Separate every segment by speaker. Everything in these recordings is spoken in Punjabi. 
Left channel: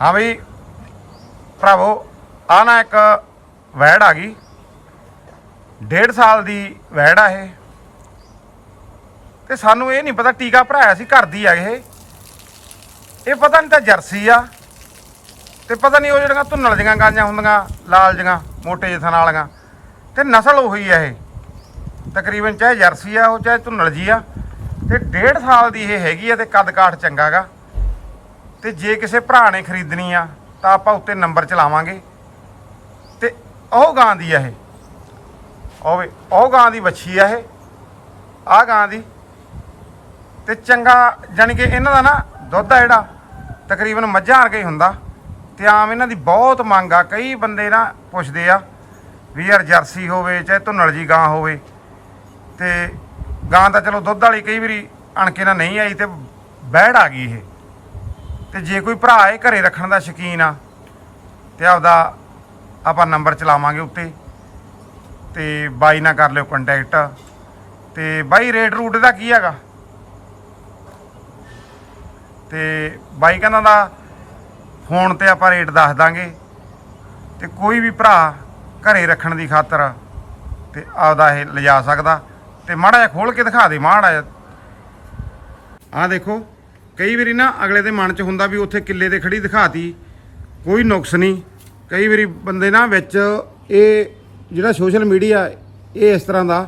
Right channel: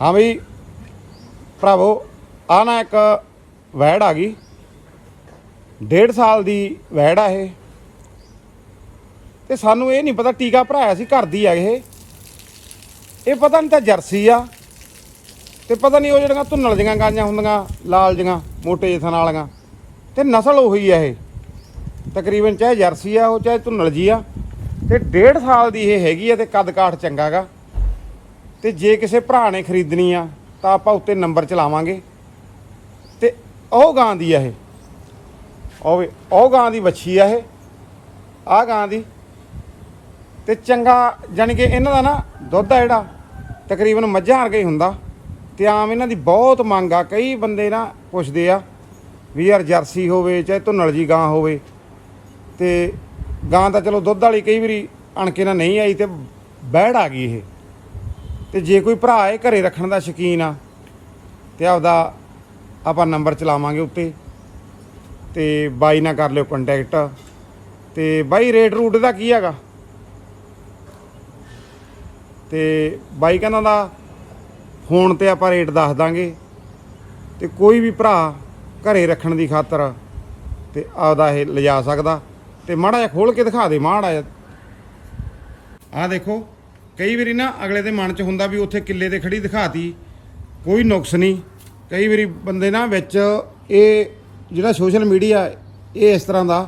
Speaker 1: ਹਾਂ ਬਈ, ਭਰਾਵੋ ਆ ਨਾ ਇੱਕ ਵੈੜ ਆ ਗਈ। ਡੇਢ ਸਾਲ ਦੀ ਵੈੜ ਆ ਇਹ। ਤੇ ਸਾਨੂੰ ਇਹ ਨਹੀਂ ਪਤਾ ਟੀਕਾ ਭਰਾਇਆ ਸੀ ਘਰ ਦੀ ਆ ਇਹ। ਇਹ ਪਤਾ ਨਹੀਂ ਤਾਂ ਜਰਸੀ ਆ। ਤੇ ਪਤਾ ਨਹੀਂ ਉਹ ਜਿਹੜੀਆਂ ਧੁੰਨਲ ਜੀਆਂ ਗਾਂਆਂ ਹੁੰਦੀਆਂ, ਲਾਲ ਜੀਆਂ, ਮੋਟੇ ਜਿਹੇ ਥਣ ਵਾਲੀਆਂ। ਤੇ ਨਸਲ ਉਹੀ ਆ ਇਹ। ਤਕਰੀਬਨ ਚਾਹੇ ਜਰਸੀ ਆ, ਉਹ ਚਾਹੇ ਧੁੰਨਲ ਜੀ ਆ। ਤੇ ਡੇਢ ਸਾਲ ਦੀ ਇਹ ਹੈਗੀ ਆ ਤੇ ਕੱਦ ਕਾਠ ਚੰਗਾਗਾ ਤੇ ਜੇ ਕਿਸੇ ਭਰਾ ਨੇ ਖਰੀਦਣੀ ਆ, ਤਾਂ ਆਪਾਂ ਉੱਤੇ ਨੰਬਰ ਚਲਾਵਾਂਗੇ। ਤੇ ਉਹ ਗਾਂ ਦੀ ਆ ਇਹ। ਉਹ ਉਹ ਗਾਂ ਦੀ ਵੱਛੀ ਆ ਇਹ। ਆ ਗਾਂ ਦੀ। ਤੇ ਚੰਗਾ, ਜਾਣੀ ਕਿ ਇਹਨਾਂ ਦਾ ਨਾ ਦੁੱਧ ਆ ਜਿਹੜਾ, ਤਕਰੀਬਨ ਮੱਝਾਂ ਵਰਗਾ ਹੀ ਹੁੰਦਾ। ਤੇ ਆਮ ਇਹਨਾਂ ਦੀ ਬਹੁਤ ਮੰਗ ਆ। ਕਈ ਬੰਦੇ ਨਾ ਪੁੱਛਦੇ ਆ ਵੀ ਯਾਰ ਜਰਸੀ ਹੋਵੇ, ਚਾਹੇ ਧੁੰਨਲ ਜੀ ਗਾਂ ਹੋਵੇ। ਤੇ ਗਾਂ ਤਾਂ ਚਲੋ ਦੁੱਧ ਵਾਲੀ ਕਈ ਵਾਰੀ ਅਣਕੇ ਨਾਲ ਨਹੀਂ ਆਈ ਤੇ ਬਹਿੜ ਆ ਗਈ ਇਹ। ਤੇ ਜੇ ਕੋਈ ਭਰਾ ਇਹ ਘਰੇ ਰੱਖਣ ਦਾ ਸ਼ੌਕੀਨ ਆ, ਤੇ ਆਪਦਾ ਆਪਾਂ ਨੰਬਰ ਚਲਾਵਾਂਗੇ ਉੱਤੇ, ਤੇ ਬਾਈ ਨਾਲ ਕਰ ਲਿਓ ਕੰਟੈਕਟ ਤੇ ਬਾਈ, ਰੇਟ ਰੂਟ ਦਾ ਕੀ ਹੈਗਾ? ਤੇ ਬਾਈ ਕਹਿੰਦਾ ਦਾ ਫੋਨ ਤੇ ਆਪਾਂ ਰੇਟ ਦੱਸ ਦਾਂਗੇ। ਤੇ ਕੋਈ ਵੀ ਭਰਾ ਘਰੇ ਰੱਖਣ ਦੀ ਖਾਤਰ ਤੇ ਆਪਦਾ ਇਹ ਲਿਜਾ ਸਕਦਾ। ਤੇ ਮਾੜਾ ਜਿਹਾ ਖੋਲ ਕੇ ਦਿਖਾ ਦੇ, ਮਾੜਾ ਜਿਹਾ। ਆਹ ਦੇਖੋ। ਕਈ ਵਾਰੀ ਨਾ ਅਗਲੇ ਦੇ ਮਨ 'ਚ ਹੁੰਦਾ ਵੀ ਉੱਥੇ ਕਿੱਲੇ ਤੇ ਖੜੀ ਦਿਖਾਤੀ, ਕੋਈ ਨੁਕਸ ਨਹੀਂ। ਕਈ ਵਾਰੀ ਬੰਦੇ ਨਾ ਵਿੱਚ ਇਹ ਜਿਹੜਾ ਸੋਸ਼ਲ ਮੀਡੀਆ ਇਹ ਇਸ ਤਰ੍ਹਾਂ ਦਾ,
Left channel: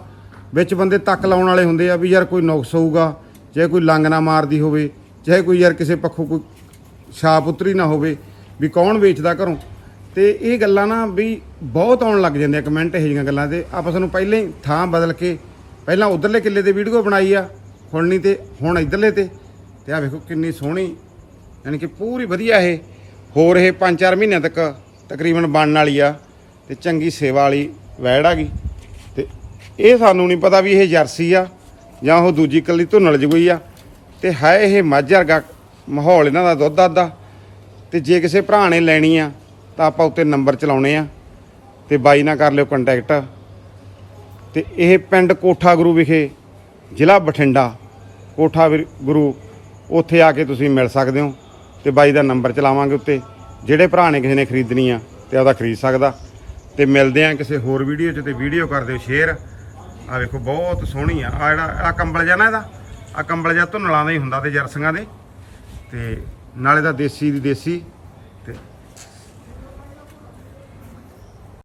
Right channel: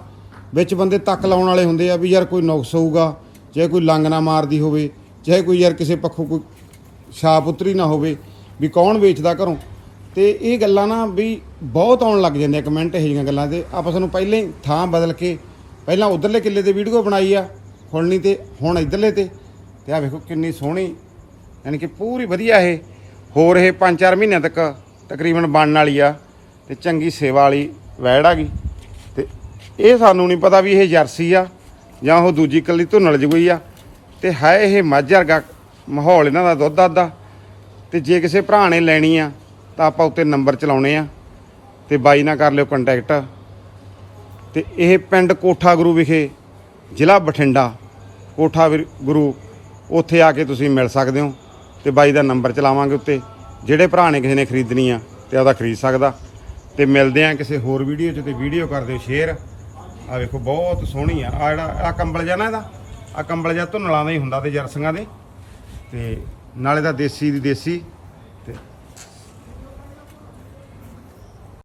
Speaker 1: ਵਿੱਚ ਬੰਦੇ ਤੱਕ ਲਾਉਣ ਵਾਲੇ ਹੁੰਦੇ ਆ ਵੀ ਯਾਰ ਕੋਈ ਨੁਕਸ ਹੋਊਗਾ, ਚਾਹੇ ਕੋਈ ਲੰਗ ਨਾ ਮਾਰਦੀ ਹੋਵੇ, ਚਾਹੇ ਕੋਈ ਯਾਰ ਕਿਸੇ ਪੱਖੋਂ ਕੋਈ ਛਾਪ ਉਤਰੀ ਨਾ ਹੋਵੇ, ਵੀ ਕੌਣ ਵੇਚਦਾ ਘਰੋਂ। ਤੇ ਇਹ ਗੱਲਾਂ ਨਾ ਵੀ ਬਹੁਤ ਆਉਣ ਲੱਗ ਜਾਂਦੇ ਆ ਕਮੈਂਟ ਇਹ ਜਿਹੀਆਂ ਗੱਲਾਂ ਤੇ ਆਪਾਂ ਸਾਨੂੰ ਪਹਿਲਾਂ ਹੀ ਥਾਂ ਬਦਲ ਕੇ, ਪਹਿਲਾਂ ਉਧਰਲੇ ਕਿੱਲੇ ਤੇ ਵੀਡੀਓ ਬਣਾਈ ਆ, ਹੁਣ ਨਹੀਂ ਤੇ ਹੁਣ ਇਧਰਲੇ ਤੇ। ਤੇ ਆ ਵੇਖੋ ਕਿੰਨੀ ਸੋਹਣੀ, ਯਾਨੀ ਕਿ ਪੂਰੀ ਵਧੀਆ ਇਹ। ਹੋਰ ਇਹ 5-4 ਮਹੀਨਿਆਂ ਤੱਕ ਤਕਰੀਬਨ ਬਣਨ ਵਾਲੀ ਆ ਤੇ ਚੰਗੀ ਸੇਵਾ ਵਾਲੀ ਵੈੜ ਆ ਗਈ। ਤੇ ਇਹ ਸਾਨੂੰ ਨਹੀਂ ਪਤਾ ਵੀ ਇਹ ਜਰਸੀ ਆ ਜਾਂ ਉਹ ਦੂਜੀ ਕੱਲੀ ਧੁੰਨਲ ਜਗੋਈ ਆ। ਤੇ ਹੈ ਇਹ ਮੱਝ ਵਰਗਾ ਮਾਹੌਲ ਇਹਨਾਂ ਦਾ ਦੁੱਧ ਦੱਧ ਦਾ ਤੇ ਜੇ ਕਿਸੇ ਭਰਾ ਨੇ ਲੈਣੀ ਆ, ਤਾਂ ਆਪਾਂ ਉੱਤੇ ਨੰਬਰ ਚਲਾਉਣੇ ਆ ਤੇ ਬਾਈ ਨਾਲ ਕਰ ਲਿਓ ਕੰਟੈਕਟ ਤੇ ਇਹ ਪਿੰਡ ਕੋਠਾ ਗੁਰੂ ਵਿਖੇ ਜ਼ਿਲ੍ਹਾ ਬਠਿੰਡਾ ਕੋਠਾ ਵਿਰ- ਗੁਰੂ ਉੱਥੇ ਆ ਕੇ ਤੁਸੀਂ ਮਿਲ ਸਕਦੇ ਹੋ ਤੇ ਬਾਈ ਦਾ ਨੰਬਰ ਚਲਾਵਾਂਗੇ ਉੱਤੇ। ਜਿਹੜੇ ਭਰਾ ਨੇ ਕਿਸੇ ਨੇ ਖਰੀਦਣੀ ਆ ਤੇ ਉਹਦਾ ਖਰੀਦ ਸਕਦਾ। ਤੇ ਮਿਲਦੇ ਆ ਕਿਸੇ ਹੋਰ ਵੀਡੀਓ 'ਚ ਤੇ ਵੀਡੀਓ ਕਰ ਦਿਓ ਸ਼ੇਅਰ। ਆ ਵੇਖੋ, ਬਹੁਤ ਸੋਹਣੀ ਆ। ਆ ਜਿਹੜਾ ਆ ਕੰਬਲ ਜਿਹਾ ਨਾ ਇਹਦਾ ਆ ਕੰਬਲ ਜਿਹਾ ਧੁੰਨਲਾਂ ਦਾ ਹੀ ਹੁੰਦਾ ਤੇ ਜਰਸੀਆਂ ਦੇ। ਤੇ ਨਾਲੇ ਦਾ ਦੇਸੀ ਦੀ ਦੇਸੀ।